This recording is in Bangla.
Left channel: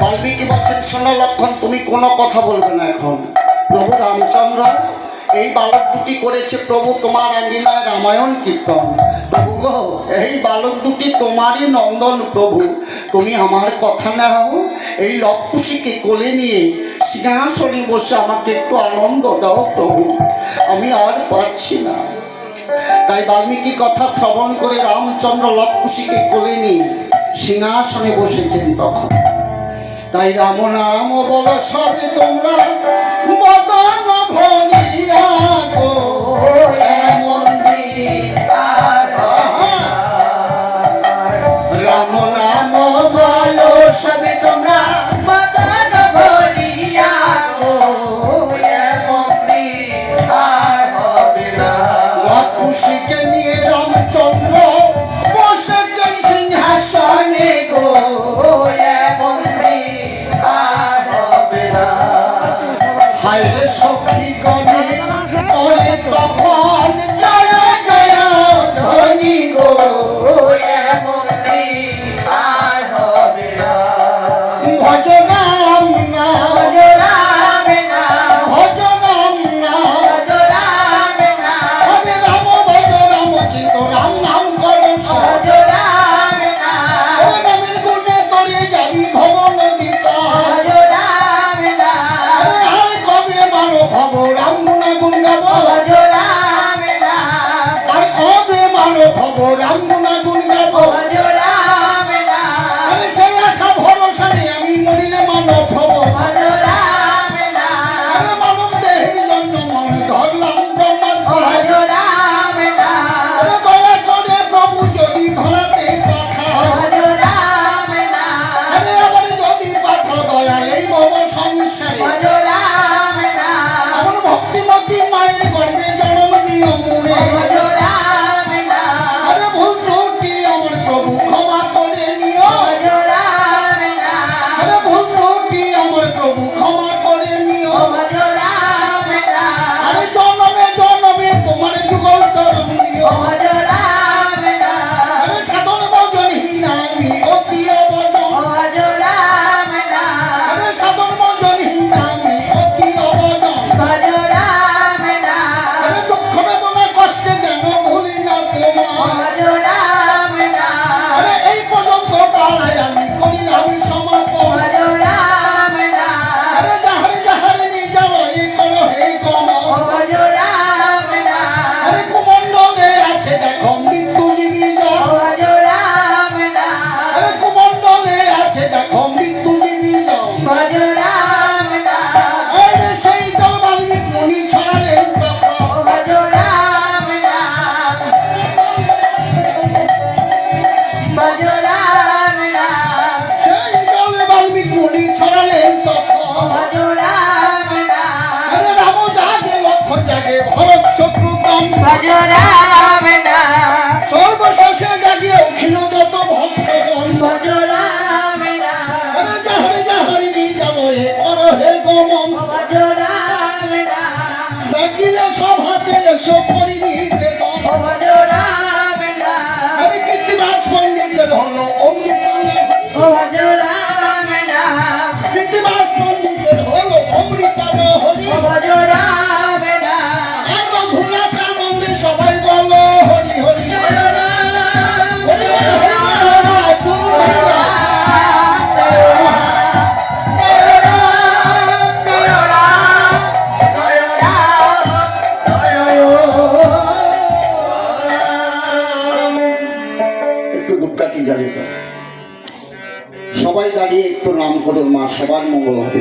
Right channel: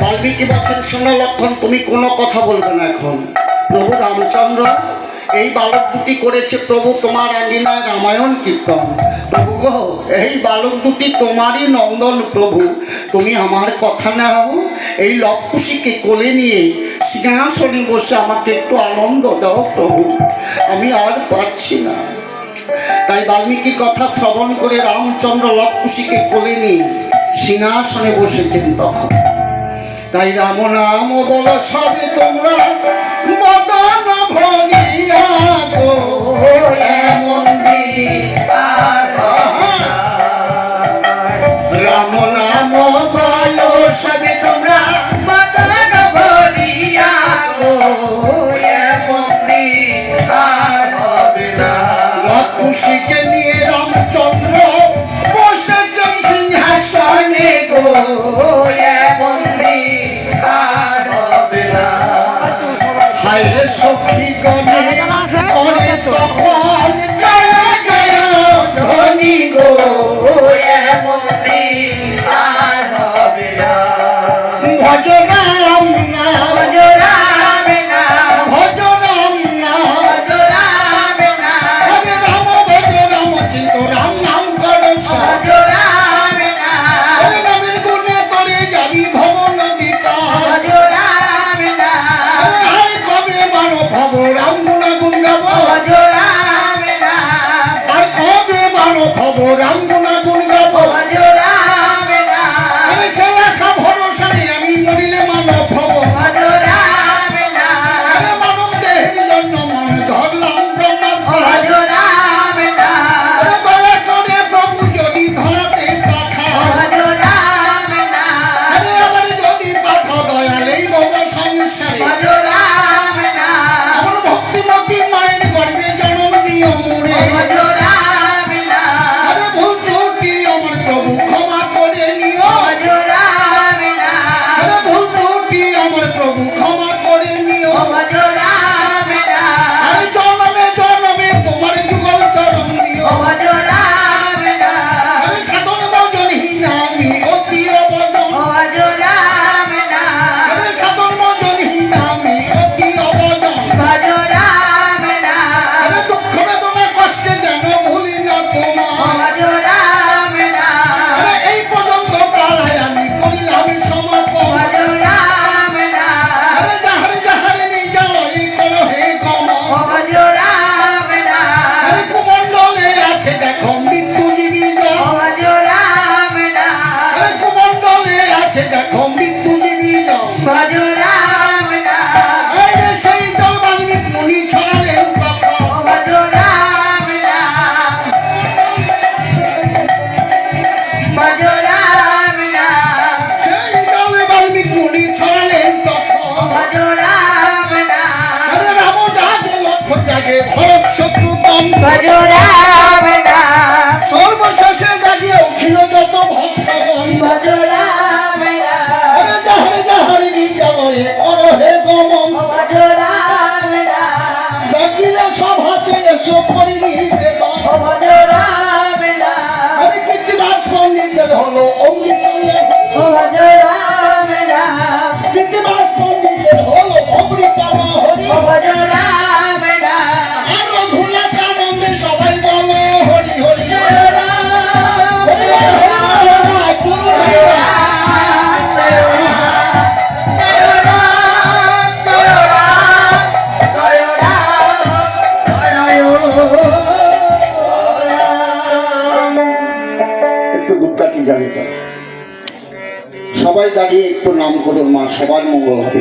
বাল্মীকি বলছেন, শোনো লক্ষণ, তুমি কোনো কথা বলবে না এখন। প্রভু রামচন্দ্র এই বালক দুটি করেছে প্রভু তোমার আঙ্গিনায় রামায়ণ কীর্তন। প্রভু গো, এই বালক দুটি তোমারই নন্দন প্রভু, তুমি আমার কথা নাও, এই লক্ষুষীকে কোলে নিয়ে সিংহাসনে বসে আমাকে একটু আনন্দ দাও প্রভু, আমি আর পাচ্ছি না। তাই বাল্মীকি কথা শ্রবণ করে রামচন্দ্র লক্ষুষীকে কোলে নিয়ে সিংহাসনে বসেছেন তখন। তাই রাম নাম বলো সবে তোমরা বদন ভরিয়া গো, এমন রাম নাম বলো সবে তোমরা বদন ভরিয়া গো, এমন আর হবে না। লক্ষুষীকে নিয়ে রামচন্দ্র বসেছেন সিংহাসনে গো, হায়রে সখী গণে অরে তখন জয় জয় ধ্বনি গো, এমন আর হবে না। ভজ রাম নাম, ভজ রাম নাম, ভজ রাম নাম, ভজ রাম নাম, ভজ রাম, ভজ রাম চিন্ত রাম নাম করো, ভজ রাম নাম, ওই নামের গুণে তোরে যাবি ভব নদী পার, ভজ রাম নাম, ভব রাম গুণা গুণ গাব, ভজ রাম নাম, আর কবে মানো ভব রাম গুণা গুণ গাব, ভজ রাম নাম, সেই আশা ভরসারে আমি মরিলে মানো ভব, ভজ রাম নাম, মানব দেহের জন্য মন ধরলাম ব্রহ্মার, ভজ রাম নাম, দয়া করে প্রভু যদি ধরাতে পাঠা, ভজ রাম নাম, আবার যদি পাঠা দয়ালেই ভব সংসারে, ভজ রাম নাম, ভক্তিমতী মায়ের গর্ভে জন্ম দিও মোরে, ভজ রাম নাম, আরে ভুল ত্রুটি আমার প্রভু ক্ষমা করে নিও, ভজ রাম নাম, আরে ভুল ত্রুটি আমার প্রভু ক্ষমা করে নিও, ভজ রাম নাম, আরে জন্মে জন্মে তোমার যুগল চরণ দিও, ভজ রাম নাম, আরে সাধন ভজনহীন আমি অতি অবজন, ভজ রাম নাম, আরে সাধন ভজনহীন আমি অতি অবজন, ভজ রাম নাম, আরে দুঃখ বেদনা কষ্টে যেন ভুলি না তোমার, ভজ রাম নাম, আরে এই পর্যন্ত পালায় আমি করিলাম সমর্পণ, ভজ রাম নাম, আরে যাহার যাহার নিজালয় করো হে কম, ভজ রাম নাম, আরে কুমণ্ডলে আছে দেখো মৃত্যুজীবী জন, ভজ রাম নাম, আরে কুমণ্ডলে আছে দেখো মৃত্যুজীবী জন, ভজ রাম নাম, এই রে সেই জল বাল্মীকি মুনি ছড়ালেন তখন, ভজ রাম নাম, ভজ রাম নাম, সেই জল বাল্মীকি মুনি ছড়ালেন তখন, ভজ রাম নাম, আরে রাম জাগে লক্ষণ জাগে ভরত শত্রুঘ্ন, ভজ রাম নাম, সর্বশেষে জাগিয়ে উঠিল যত ভক্তগণ, ভজ রাম নাম, আরে যাহার যাহার নিজালয়ে করো হে গমন, ভজ রাম নাম, ডাকিলে সভাতে এসো করি নিবেদন, ভজ রাম নাম, আরে কৃত্তিবাস পণ্ডিতের হলো অমৃত, ভজ রাম নাম, কৃত্তিবাস পণ্ডিতের হলো অমৃত হরি, ভজ রাম নাম, আর রঘুনাথ আনন্দে সবাই বলো হরি হরি, জয় রাম, হরি হরি হরি রাম, গুরু হরি রাম, জয় রাম, জয় রাম, জয় রাম, জয় রাম, একটু দুঃখাটি জানিয়ে দাও। সবাই দাঁড়িয়ে একটু নাম করুন, মা সবার মঙ্গল হবে।